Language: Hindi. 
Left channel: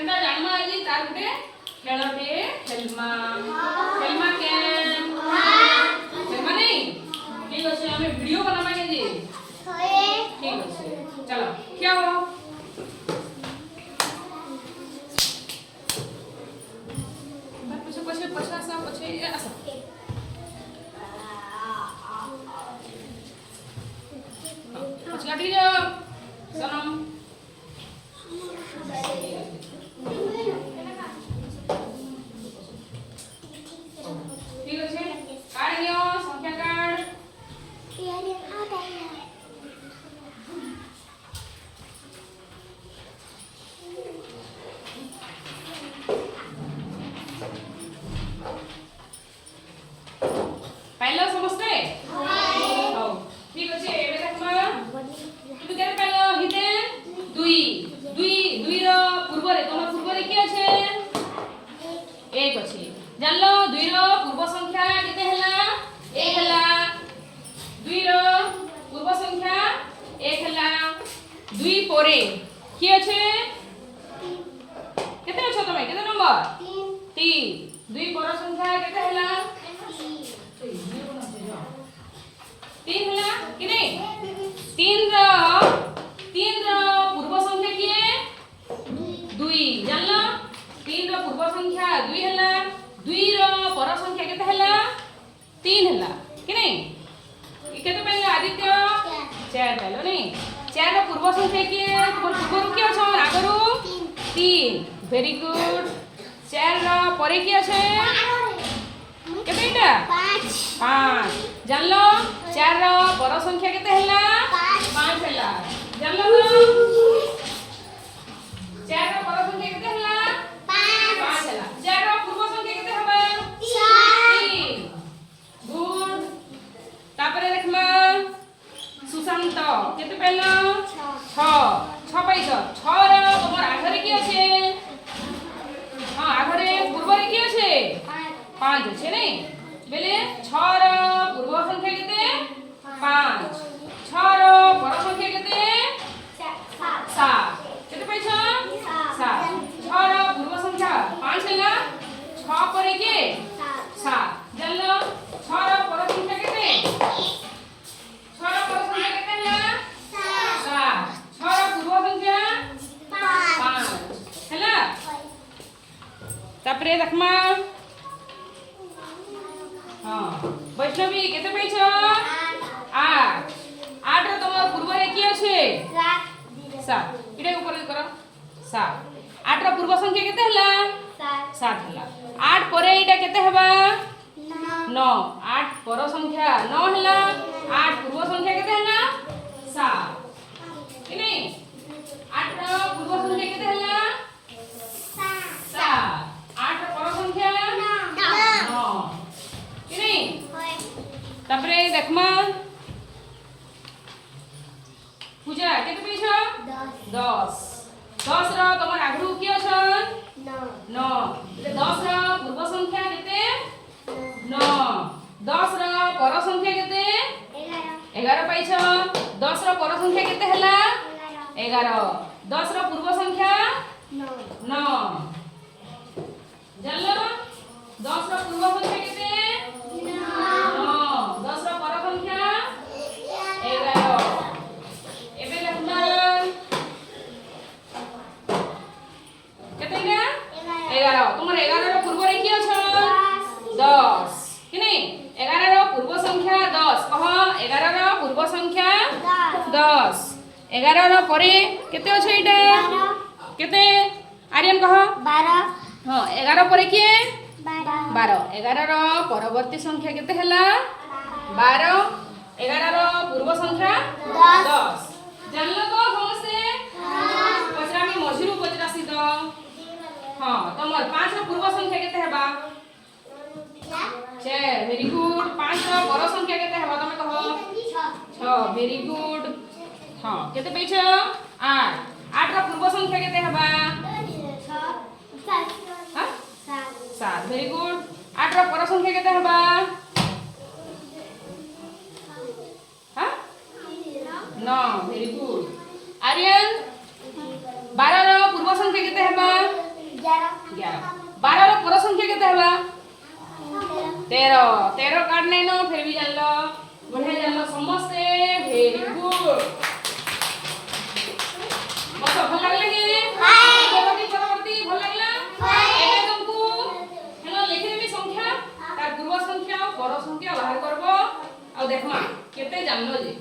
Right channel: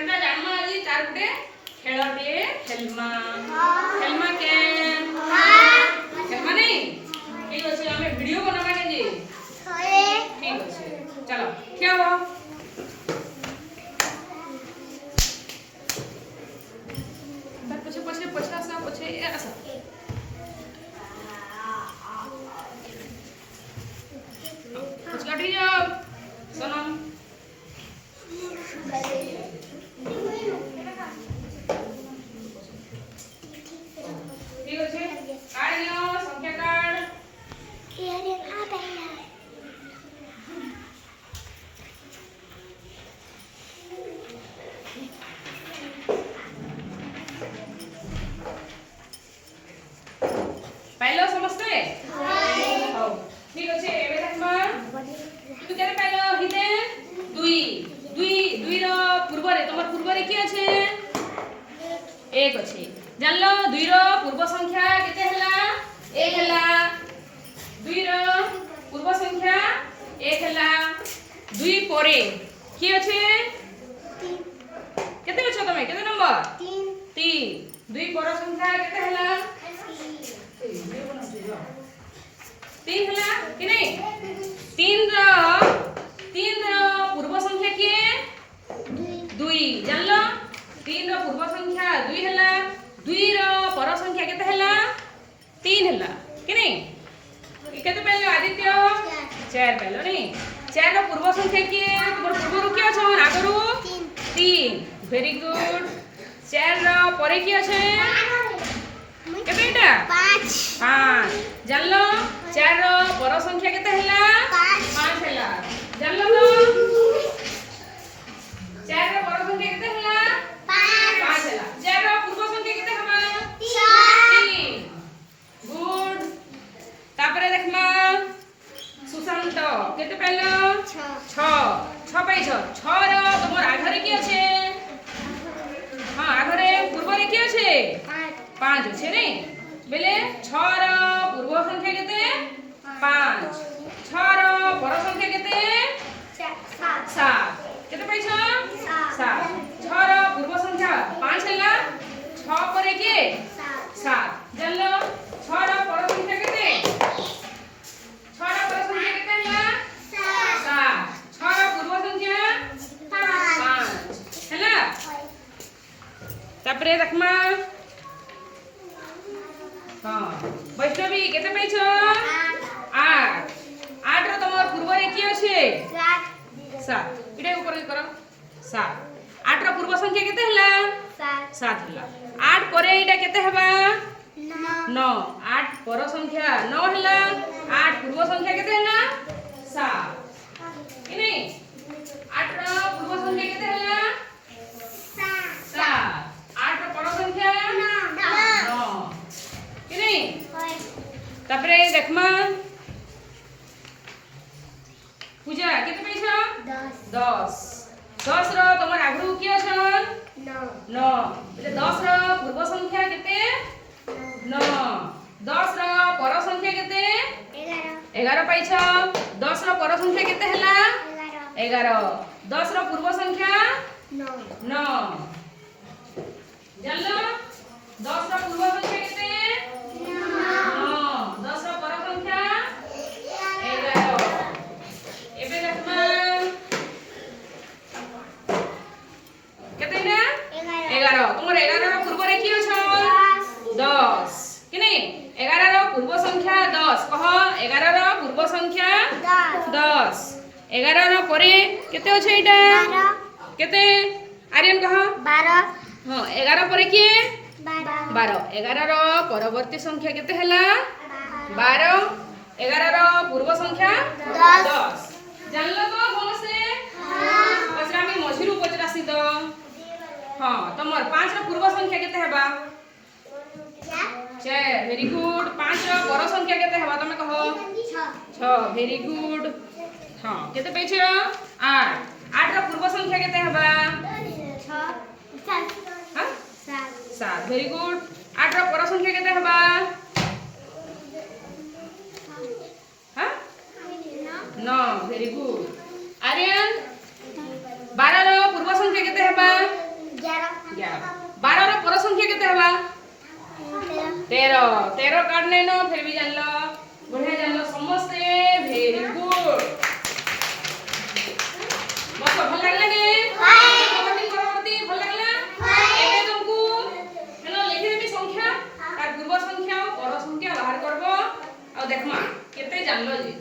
केनता जानमा आजी तार गुटे खेलटे खेलमा खेलमा के खेलमा नहीं ठीक अछि हमें वीडियो बनाना के जी ठीक अछि चलो क्या हो पछे पछे पछा सा पछे ऐसा पछाड़ी जाओ सनम ठीक अछि काढ लियो संख्या काढ यारे आ गया पाइलो समझते हो ठीक अछि एबे देखमा तू केरे पाइलो हिते दुई दुई दुई रो पूर्व रे तोमर पूर्व रे की अछि एक अछि जानलो दुई रो पूर्व संख्या केते हला एक हला दुई रो पूर्व संख्या एक हला दुई परे की अछि केते अछि तमे केते नंबर 3 दुई पर संख्या केते हला 3 हला कि नहीं 3 रो पूर्व संख्या की दुई जानलो 3 रो पूर्व संख्या दुई हला दुई रो पर संख्या केते हला 3 हला कि नहीं केते पहले आदित्य 4 पहले नहीं 4 रो पूर्व संख्या की पूर्व की अछि आगरु 3 वेरी गुड 4 रो परे की अछि केते एटा 5 जानलो 4 रो पर संख्या केते हला 5 हला जानलो तो 4 रो पर संख्या केते हला 5 हला 4 रो पूर्व संख्या केते हबा 3 गुड तापरे देखमा सुशांत केते पहलो 6 पाइछ 6 रो तमर आघरे की अछि हां आघरे पूर्व रे की अछि 5 अछि नहीं बेले 6 रो पूर्व संख्या केते 5 6 रो पर संख्या केते 7 केते पाइछ 7 6 रो पूर्व संख्या 5 हला 6 परे के 7 जानलो 6 रो पर संख्या केते 6 रो पर संख्या केते हला 7 6 रो पूर्व संख्या 5 हला तापरे देखमा हां वैष्णवी केते पाइछ 8 8 रो तमर पूर्व रे की अछि 7 इडे ऊपर करो 7 8 रो पूर्व संख्या केते हला 7 हला 8 परे इडा केते हेबा 9 8 पर संख्या 9 हला 8 पूर्व संख्या केते हला 7 कि नहीं 8 रो पूर्व संख्या केते हला 7 8 रो पर संख्या 9 कि नहीं तापरे देखमा पूजा केते पाइछ 10 10 रो तमर आगरु की अछन 9 એટલે 10 रो पूर्व संख्या केते 9 10 रो पर संख्या केते 11 पाइछ 10 रो पर संख्या केते हला 11 10 रो पूर्व संख्या 9 जानलो 10 रो पूर्व संख्या केते 9 10 रो पर संख्या 11 एबे देखमा केते ना 11 तुमर 11 रो पूर्व रे की अछ 10 कि नहीं 11 रो पूर्व संख्या 10 कह 11 रो पूर्व संख्या 10 11 रो परे केते अछि इटा 12 केते आर्यन कह 12 हां 11 परे की 12 11 रो परवर्ती संख्या केते हला 12 11 रो पूर्व संख्या 10 जानलो तो समझे पछरा में मझिरु पचरासी तो हां तमर 5 रो पूर्व संख्या केते हेबा 6 वेरी गुड 5 रो पर संख्या केते हेबा तमे कहो 6 वेरी गुड हां केते पैछ 8 8 रो पूर्व संख्या केते हेबा 7 वेरी गुड 8 रो पर संख्या केते हेबा हां 9 वेरी गुड आर्यन 12 रो पूर्व संख्या केते हेबा केते हवा 13 13 काढने नो फिर भी जानलो बढ़िया जानलो समस्ते वेरी गुड बस भल लागला ने परवर्ती भल लागला एबे तुमको हेलो लिखि देबी संख्या तार पूर्व संख्या और पर संख्या बाहर करबो आ देखमा केते जानलो जे